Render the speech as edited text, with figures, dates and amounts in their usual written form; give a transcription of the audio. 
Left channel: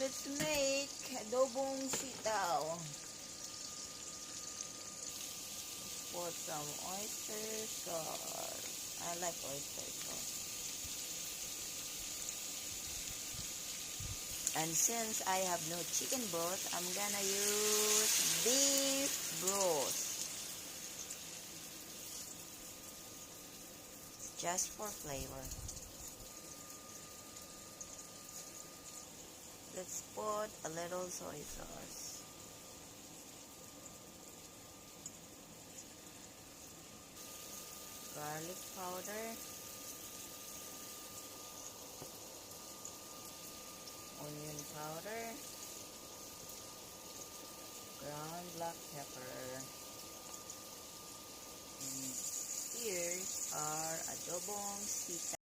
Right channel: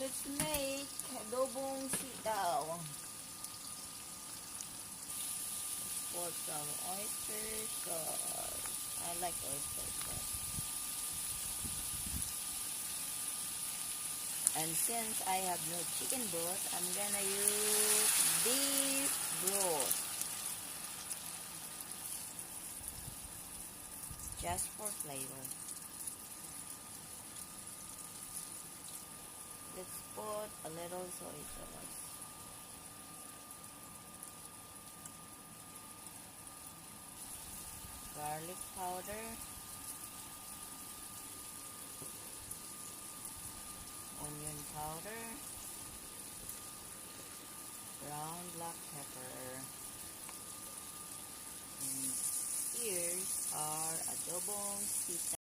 Let's make adobong sitaw. Put some oyster sauce. I like oyster sauce. And since I have no chicken broth, I'm gonna use beef broth. Just for flavor. Let's put a little soy sauce. Garlic powder. Onion powder. Ground black pepper. And here's our adobong sitaw.